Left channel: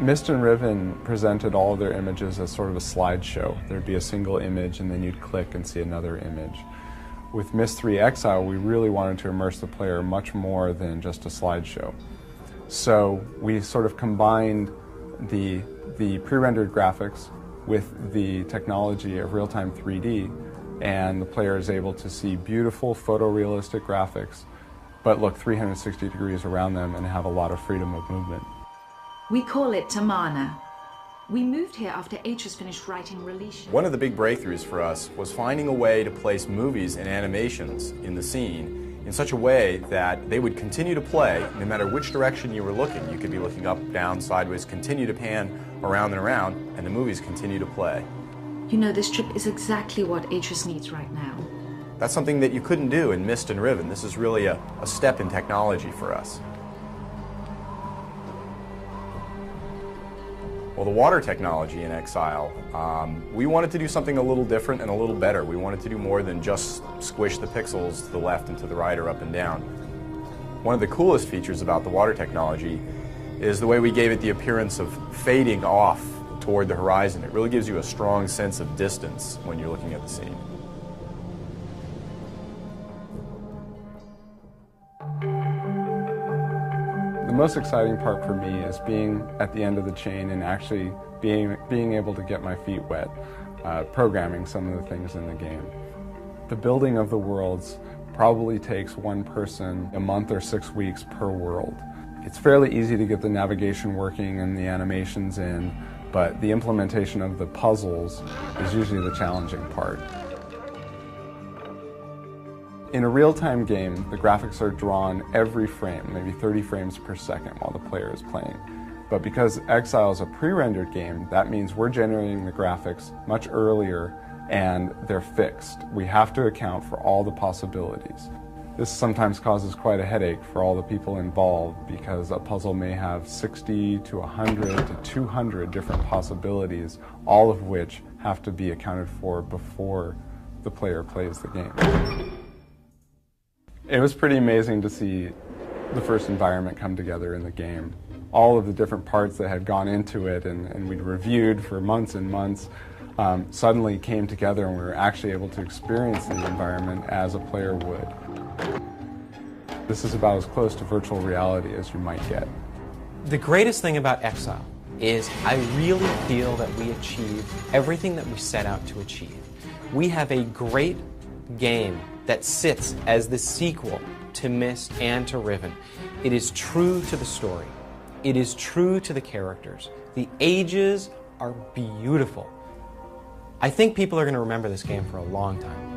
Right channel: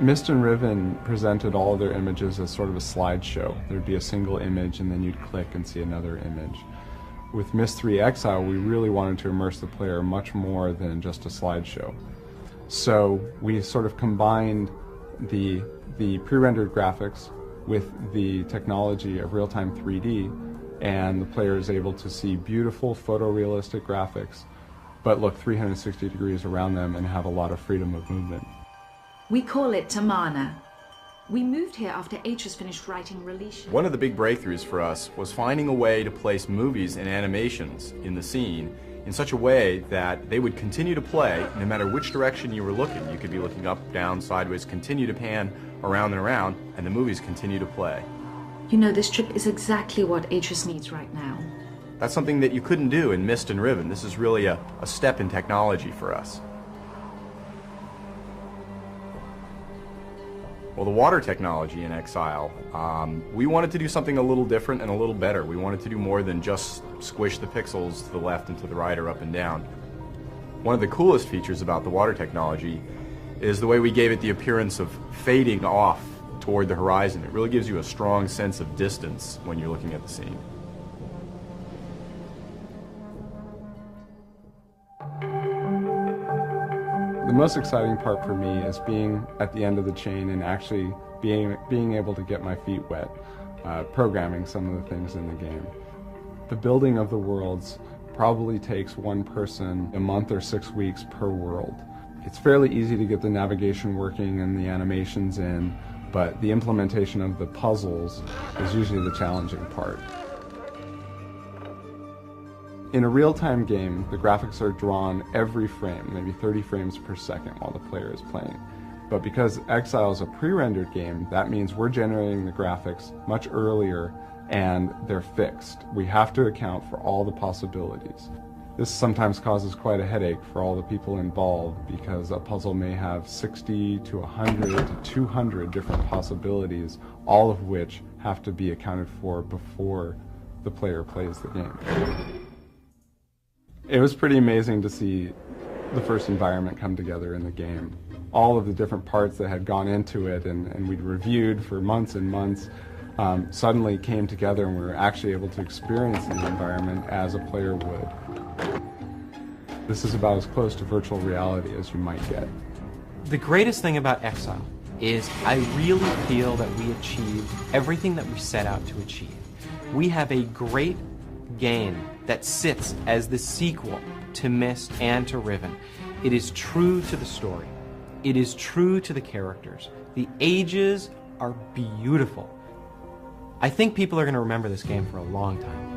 Myst and Riven presented all their images as sort of a slideshow. There'd be a single image and then you'd click and see another image. With Myst 3 Exile, we really wanted to immerse the player much more than just a slideshow. So we sort of combined the pre-rendered graphics with the technology of real-time 3D, and the player is able to see beautiful photorealistic graphics, but look 360 degrees around them and have a lot of freedom of movement. We call it Tamana. We moved here after Atris finished writing Relicia. One of the big breakthroughs for us was finding a way to place movies and animations in the scene in such a way that they would continue to play no matter which direction you were looking. You could be looking up, down, sideways, continue to pan around and around, and the movies continue to play. You know, this trip is exactly what Atris needs right now. That's something that you couldn't do in Myst and Riven. This is really a step in technology for us. Well, the water technology in Exile, we wanted to do something a little different and a little better. We wanted to do more than just squish the pixels to the left and to the right or up and down. One of the coolest features about the water technology is the way we gave it the appearance of fading off toward the horizon. It really gives you a strong sense of distance when you're looking at the scene. The most exciting part for me is being at the end of the chain and actually being able to get my feet wet, programming some of the things in the game. The building of the worlds probably takes one person a month or 6 weeks per world. It's fairly easy to get the navigation working and the animations in, but the implementation of the puzzles is usually the challenging part. In a real-time game, the graphics are drawn every frame, maybe 30 frames per second while the player is playing. But because Exile is a pre-rendered game, that means we're generating the graphics much earlier and they're fixed. We have to account for all the possibilities. This sometimes causes quite a headache for all the people involved because a puzzle may have 60 to 100 to 200 different possibilities, all of which have to be accounted for before the player plays the game. It was pretty amazing to see the first environment come together in the game. All of the different parts that had gone into it and we'd reviewed for months and months suddenly came together, and we were actually able to experience the environment as a player would. This is about as close to virtual reality as you might get. The greatest thing about Exile is I really feel that we achieved everything that we set out to achieve. We have a great game that sits as the sequel to Myst and to Riven. It is true to the story. It is true to the characters. The ages are beautiful. I think people are going to remember this game for a long time.